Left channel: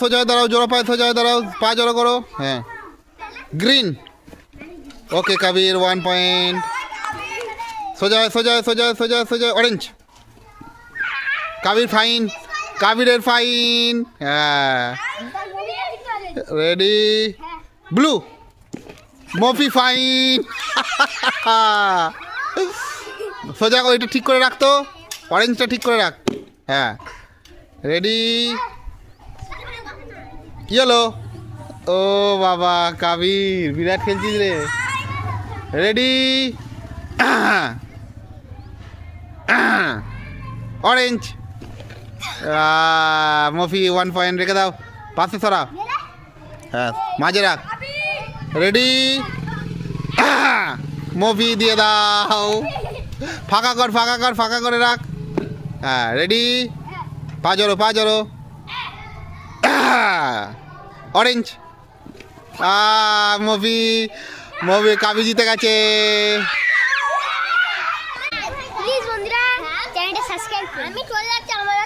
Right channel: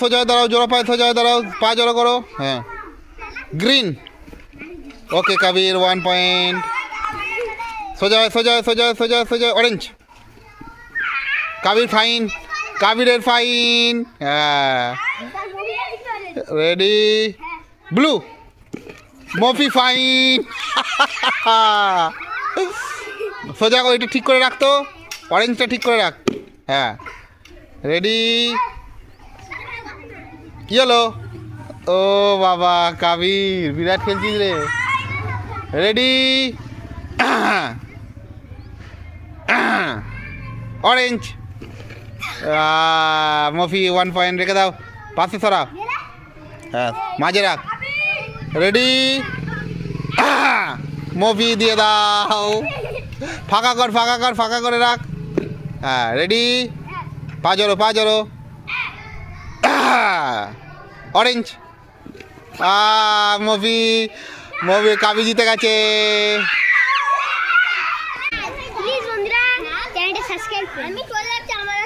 সোজা হয়ে দাঁড়াও, জোড়া পায়ে সোজা হয়ে দাঁড়াও, পা জোড়া করো। হ্যাঁ, গ্রিন। ওকে কাবির, 1 পয়েন্ট। সোজা হয়, সোজা হয়, সোজা হয়, সোজা হয়, সোজা, অরেঞ্জ। কাবির ফাইন, কাবিরের ফাইন। হ্যাঁ, রেডি, ব্লু। মফি ফাইন। সোজা করে, এটা ঠিক করে রাখতো, অরেঞ্জটা ঠিক করে রাখ। হ্যাঁ, রেডি, ইয়েলো। ও বাবা কাবির, বিরাট খেলছিস রে। Ready, orange. মফি 1 পয়েন্ট, রেখে দাও, পাশে সরা। হ্যাঁ, মাঝে রাখ। রেডি, মফি দিয়ে দাও, ফাঁকা কর, ফাঁকা কর, ফাঁকা করে রাখ। হ্যাঁ, রেডি, পা জড়ো, পা জড়ো। অরেঞ্জ। মফি, মফি, কাবি জিতে গেছে। প্লিজ বন্ধুরা চ্যানেলটা সাবস্ক্রাইব করুন। আমি চলে যাচ্ছি আমার